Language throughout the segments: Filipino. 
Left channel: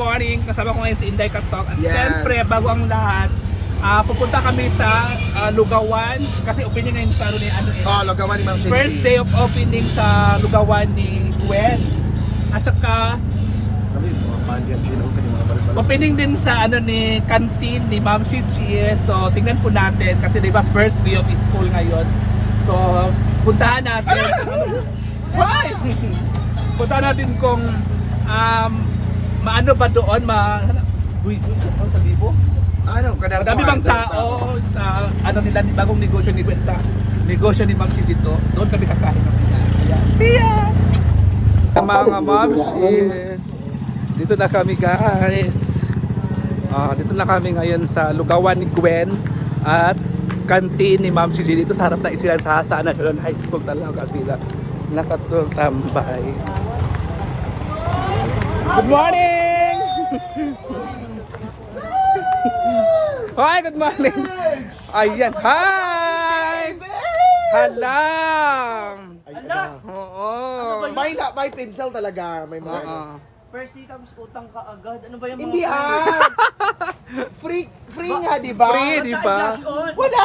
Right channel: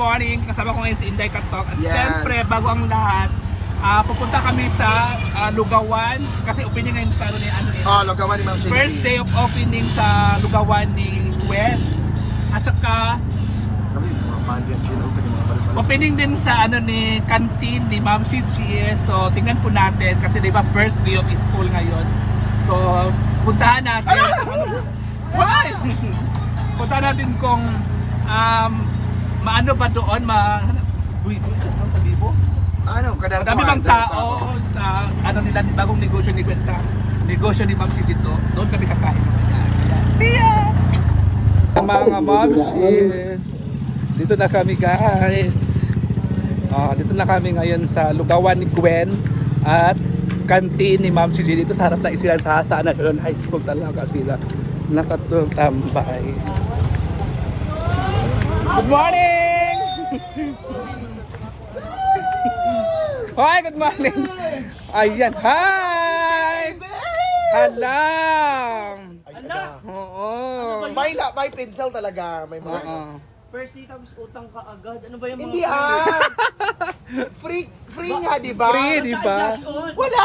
morning. Kasama ko ngayon si Inday Katok. At Yes. syempre, bago ang lahat, pupunta kami sa Lugawan. Kasi opening ngayon sa Lugawan ni Ma'am Cindy. first day of opening sa Lugawan ni Gwen. At saka, opening din sa ni canteen ni Ma'am Cindy. So, tingnan po natin. Kasi di ba first day of school ngayon. So, puntahan natin. Why? Puntahan natin kung maano ba doon, sa libo? Madami bang tao sa nila bagong negosyo ni Gwen sa negosyo ni Ma'am Cici to. Doon kami kakain naman yan. See ya! Mga Ma'amshis, dito na kami guys. Dito na kami ngayon sa Lugawan ni Gwen at canteen ni Ma'am Cici. Dito sa harap na sila sa National High School talaga sila nakatambay. Good morning! Hi, good morning! Ayan, hi! Halang! Oo! May pencil talaga. May mga. First tapos utang ka agad. Ano ba yung mga Hindi free nga, di ba? Free, di ba? Wala!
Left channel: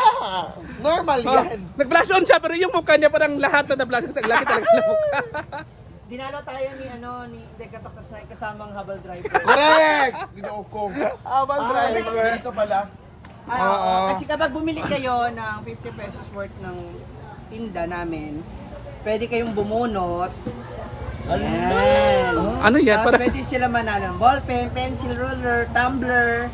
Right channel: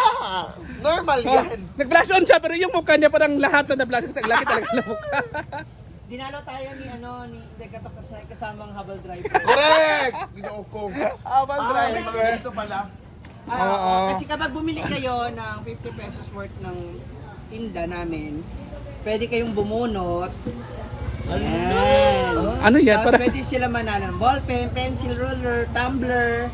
Normal yan. Nag-blush on siya pero yung mukha niya parang lahat na na-blush kasi ang laki talaga ng mukha. Dinalo tayo ni Dekatok kasamang habal driver. Correct! Ginaukong. Habal driver. Ito pala. Kasi kapag bumili kayo ng 50 pesos worth ng tinda namin, pwede kayong bumunot. Ayan. Ano yan? Tapos Para pwede sila manalo ng ballpen, pencil, ruler, tumbler,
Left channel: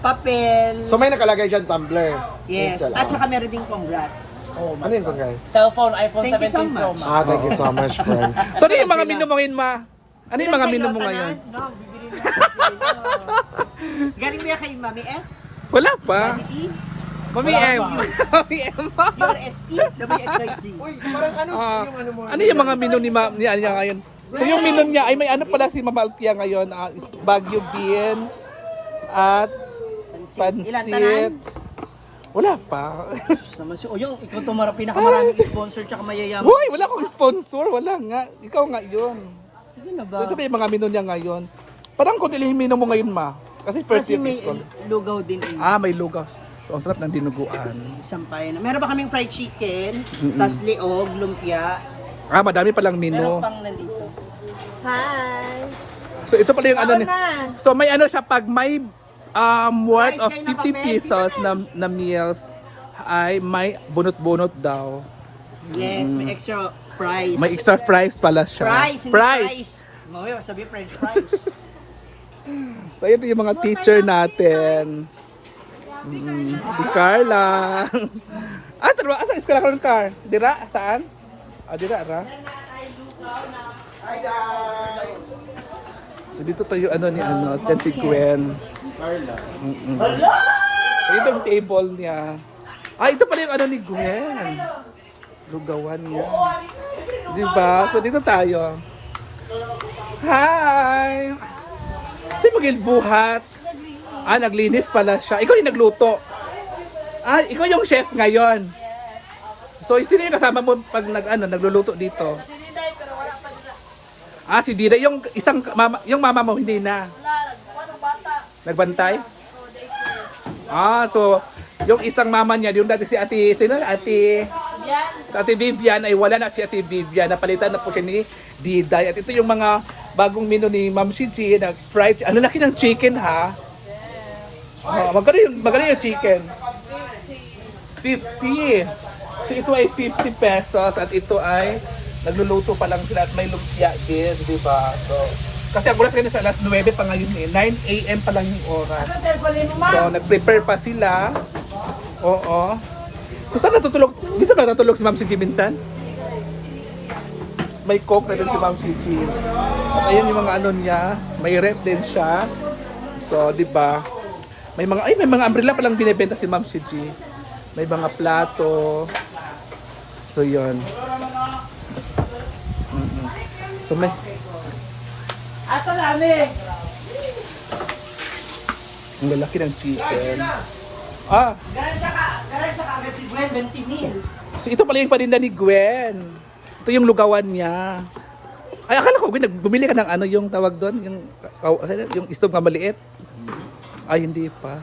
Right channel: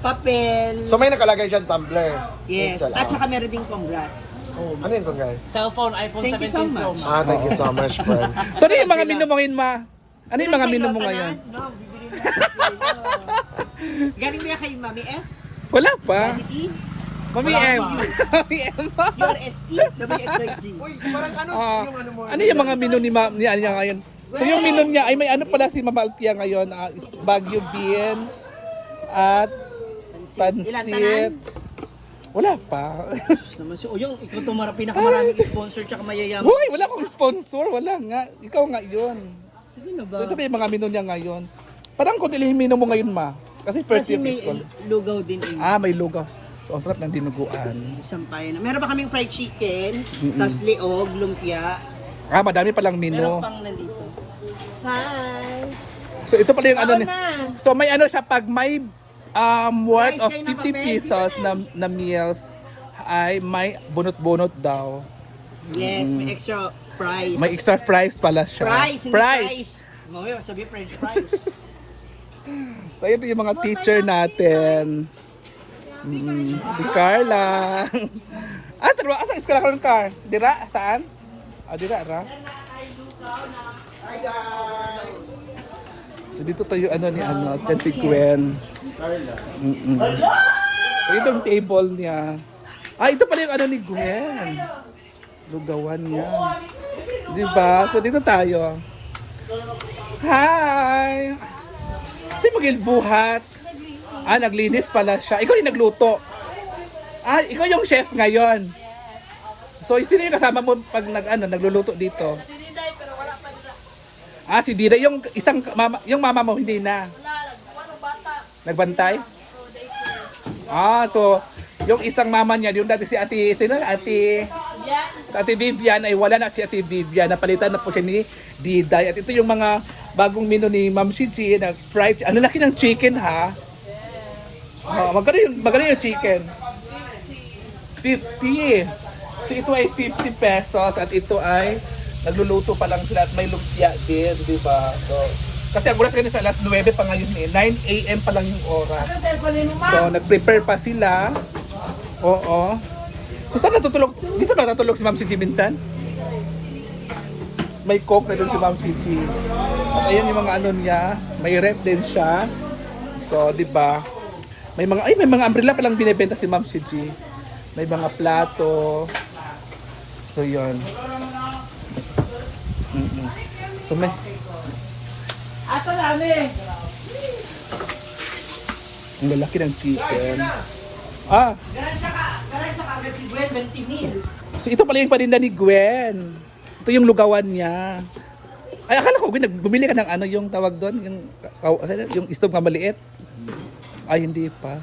papel. So may nakalagay dyan tumbler. Yes. Pencil. At saka meron din congrats. Ano yun guys? Cellphone, iPhone Thank you so 17 Pro much. Max. Thank you so much, friend. so ano yung mga menu mo ngayon, ma? Ano yung mga menu mo ngayon? No, bibili mo natin. Galing mo yan kay Mami S? Wala pa. Daddy T? Mami M. Mami M. Your ST? WXYZ? Uy, parang ano Ah, yung ano mo? ano yung mga menu ni Ma'am niya ngayon? So yung menu niya ay may ano pala si Mama Alpia ngayon, Baguio beans at Ilan tanan? pansit. Wala pa. Naman si Oyong, ikaw itong pinakamaraming sponsor tsaka mayayaman. Hoy, wala akong sponsor, wala nga. Ikaw nga 'yun. Sige na ba? So ito pa yung mga menu niya ngayon. Parang kung yung menu mo ngayon, ma. Kasi first Kasi year may school. lugaw din eh. May lugaw. So ang sarap ng dinuguan. Sampay na. Meron ba kaming fried chicken, tas liog, lumpia. Madami palang Meron menu. pang nandito. Hi! So ito pala yung ano Kaon ni. na! So may ano siya pag may worth Guys, of kayo na 50 kape? pesos na meals ay may bunot-bunot daw. Yes, may extra price. May extra price pala siya. Price, hindi price. Ngayon, sabi French fries. So ito yung mga teacher natin. Si Carla. Tara, asa eskwela ka ng car? Dira, saan? Dira, ra? Hi guys! So dito tayo dyan si Gwen. So itong table niya. Ito pala yung ni Gwen. Lugawan niya. Diba? So dito tayo. Hi! Kasi magilbuhat. Naglinis pala siya. Ikaw yung nagluto. Ikaw yung chef ngayon. So sino yung kasama mo pag nagluluto dito? Si Dida, yung isang mama, yung mama mo hindi na. Nagbantay? So yung isang mama niya, yung dati si Ate Vivian ay wala na si Ate Vivian. Napalitan na po siya ni Diday. At ito yung mga bagong menu ni Ma'am Cici na fried. Ano laki ng chicken ha? Magkano yung chicken? 50. So ito ay 50 pesos at ito ay nagluluto pa lang sila at may lumpia din, di ba? So, kasi ang oras kanina sa alas 9 pa ngayon 9 AM pa lang yung oras. So, nag-prepare pa sila. Oo. So, saan natutulog? Dito ka natutulog si Ma'am Cici minsan? May coke na din si Ma'am Cici. At ayan yung mga niya. May rep din siya. So, di ba? May mga umbrella pa lang binebenta si Ma'am Cici. May mga plato. So, yun. So, may... Asa namin? Ang lalaki ng chicken. Garan siya agad si Gwen, 20,000. So ito pala yung paninda ni Gwen. Ito yung lugawan niya. Ay, akala ko, bumili ka ng ano yung tawag doon, yung stove nga maliit. Ay, hindi pa.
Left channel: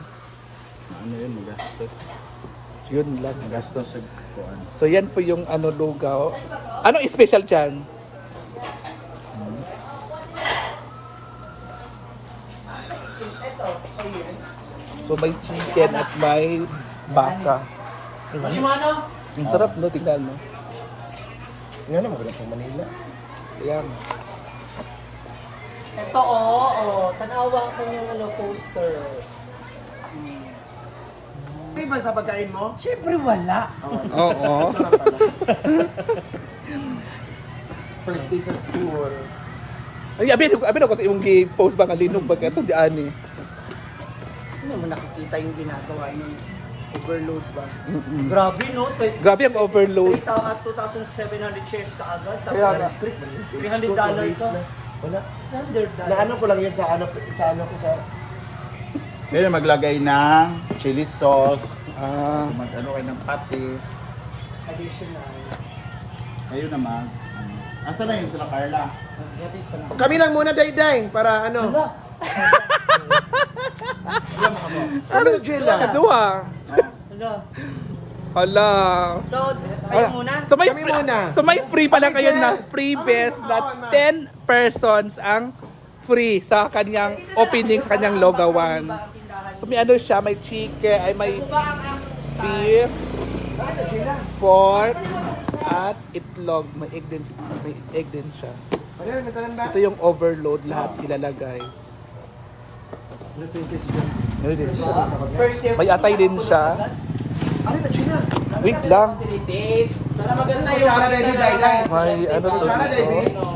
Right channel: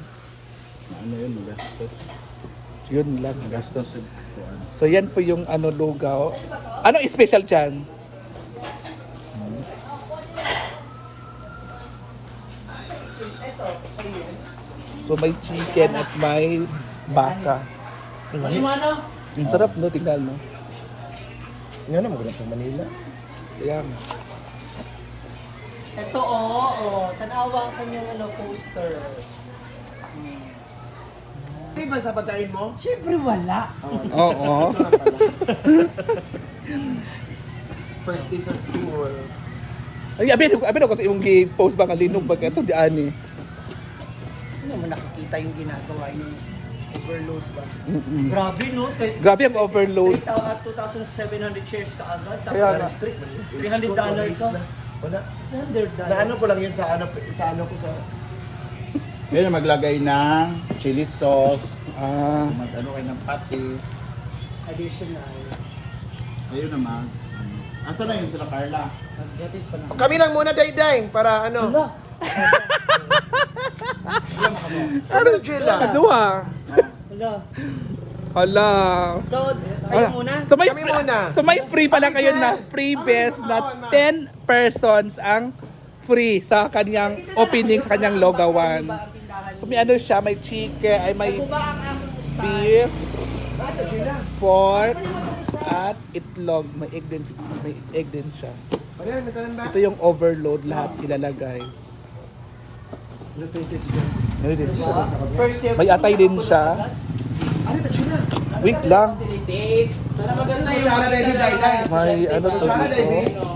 Ano yun, magastos. Yun lang. Magastos. So, yan po yung ano lugaw. Anong special dyan? So, may chicken at may baka. Ang sarap, no? Tingnan, no? Nga na, maganda pang Manila. Ayan. Ito, oo. Tanawa ka niyang poster. Hindi ba sa pagkain mo? Siyempre wala. Oo. First day sa school. Ay, abin ako yung post ba nga linog ba ito di ani. Hindi mo nakikita yung ginagawa yung overload ba? Mm-mm. Grabe, no? Grabe ang overload. 2,700 shares ka agad. Tapos Kaya nga. $300 ka. Wala. $100. Naano ko lang yun sa ano ko sa... Pero maglagay ng chili sauce, Ah, mag-ano kayo ng patis. Additional. Ayun naman. Asa na yun sila, Carla? Gatid pa na. Kami lang muna, Day-Day, para ano... Wala. Ano, Jella? dua. Wala. Hala. So, kayo muna. So may Kami muna. so may free pala kayo na free best na 10 persons ang free sa kanyang opening sa kanyang logawan. So may ano siya, may chicken, ay may beef, pork, at itlog. May egg din siya. Ano, natalanda? Ito yung overload, lahat ilalagay. Ano ito yung kiss dyan? Ano din siya? First year. May atay din siya. Ano na, Jella? Wait lang. Para maganda yung... Kutsara, Day-Day. May ano to Kutsara, Day-Day. dito.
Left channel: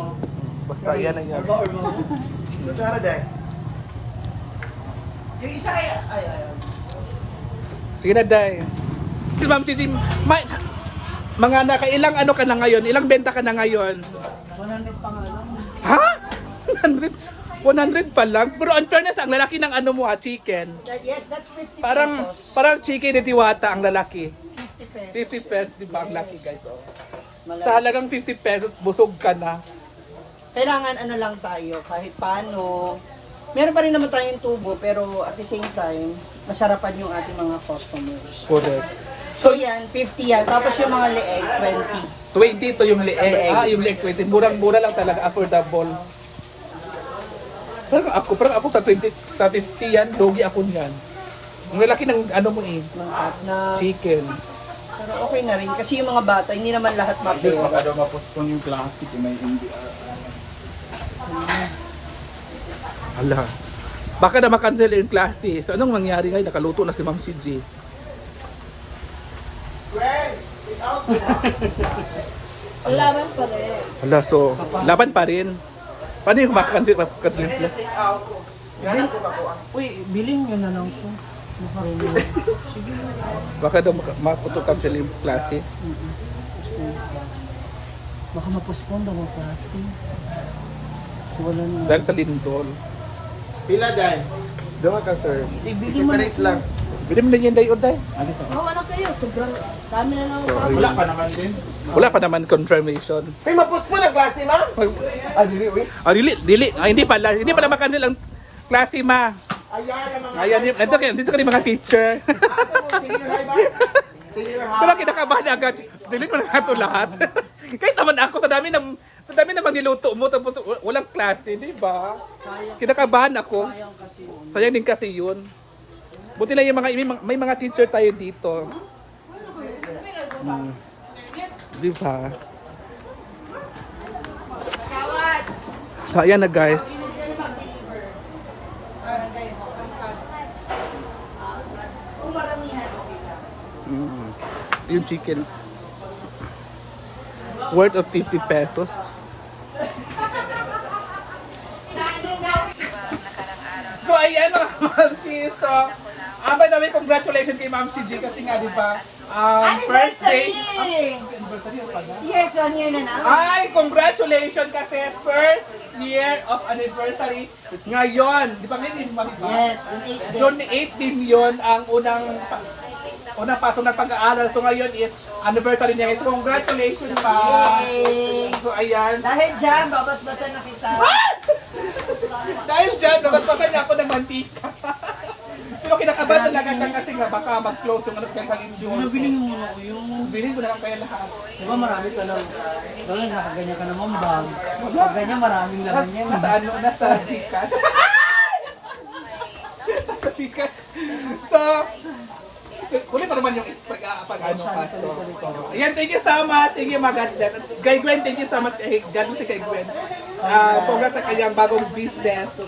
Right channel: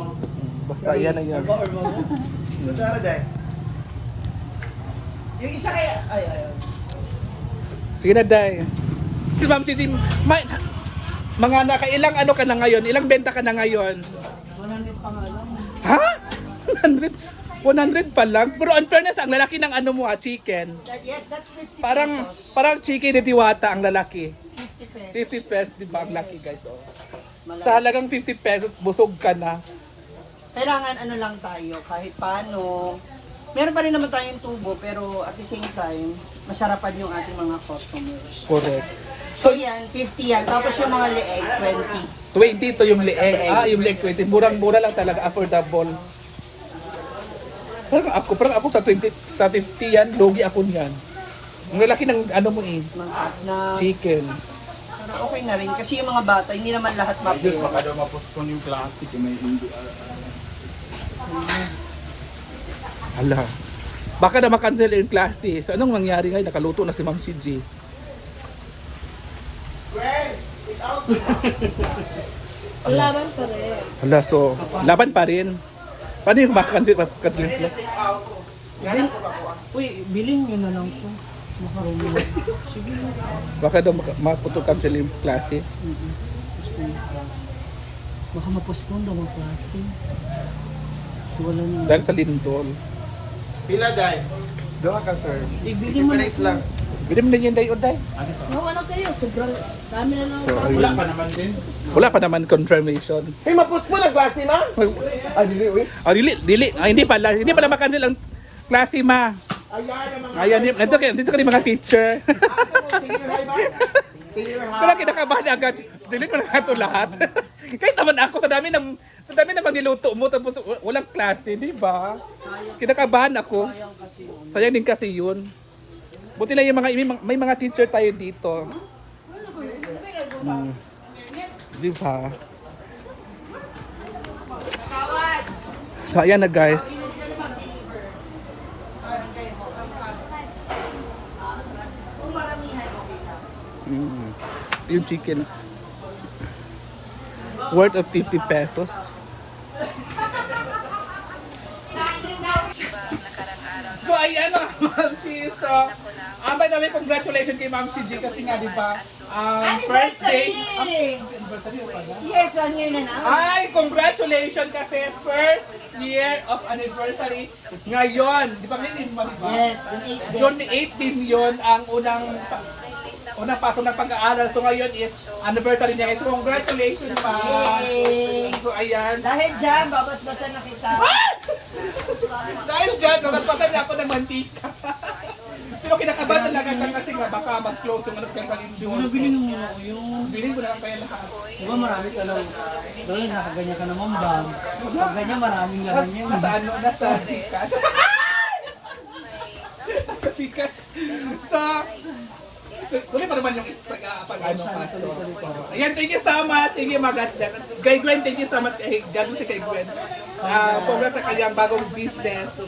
Basta yan ang yan. Kutsara, Day. Yung isa kaya... Ay. Sige na, Day. Si Ma'am Gigi, mga nakailang ano ka na ngayon? Ilang benta ka na ngayon? 100 pa nga lang. Ha? 100 pa lang? Pero on fairness, ang lalaki ng ano mo chicken. Yes, that's 50 Parang pesos. parang chicken ni Diwata ang lalaki. 50 pesos. 50 pesos, di ba ang laki guys? Oh. Sa halagang 50 pesos, busog ka na. Kailangan ano lang tayo, kahit paano. Meron pa rin naman tayong tubo, pero at the same time, masarapan yung ating mga customers. Correct. So yan, 50 yan. Tapos yung mga leeg, 20 20. to yung leeg. Ah, yung leeg 20. Murang-mura lang talaga, affordable. Parang ako sa 20, sa 50 yan, logi ako niyan. Ang lalaki ng ano mo Na, chicken. okay na rin. Kasi yung mga bata, hindi naman lahat Hindi, bata. baka daw mapustong yung plastic, may hindi. Hala. Baka na makancel yung klase. So anong mangyari ngayon? Nakaluto na si Ma'am CJ. Laban pa rin. Hala, so laban pa rin. Paano yung makancel yung klase? Uy, bilhin nyo na lang po. Sige. Baka daw cancel yung klase. Baka mapospon daw ang klase. Wala na. Dahil sa lindol. Pila, Day? Doon ka, sir. Ibili mo na Separate lang. Bili mo na yan tayo, Day. No, ano kayo? Sobrang dami na lang. So, Wala ayun. pa naman din. Wala pa naman confirmation. Ay, mapos mo lang, klase, ma? Ah, dili, uy. Ah, dili. Ah, hindi pala makancel ang klase, ma. Ayan. Ayan, dito ka rin mga teacher. Senior high ba? Senior high. Pero kinakabahan agad. Delete mo na nga ito lahat. Kahit naman ako, sa dami naman niluto mo, tapos walang klase, di ba? Kinakabahan ako. Sayang din kasi yun. Buti lang yung may mga teacher tayo dito. Di ba? So, ayan na guys. Yung chicken worth of 50 pesos. So ayan mga Ma'am Chi. So by the way, congratulations kay Ma'am Chi kasi nga di ba first day anniversary o pala? Yes, 1 year na na. Ay, congratulations kasi first year of anniversary ngayon. Di ba ngayon, di ba? Yes, on 8 June 18 yun ang unang pasok ng pag-aaral. So ngayon is anniversary niya. So congratulations pa. Yay! So ayan. Dahil dyan, babasbasan na kita. Dahil dyan, nabaspasan niya ako ng mantika. Pero kinakabahan talaga siya kasi nga baka mag-close yung ano dyan sa lindol. Bilhin mo na yung... Bilhin ko na lang kaya lahat. Diba marami ka lang. Dahil nakaganyan ka naman bag. Pag ganyan maraming laman yan. Nasa ano, nasa Gcash. Sa Gcash. So, kunin pa naman yung pag-ano. Ayan, thank you so much. Thank you, maganda. Kay Gwen, thank you so much. Gano'n si kay Gwen. Congrats sa kanyang bagong business. So,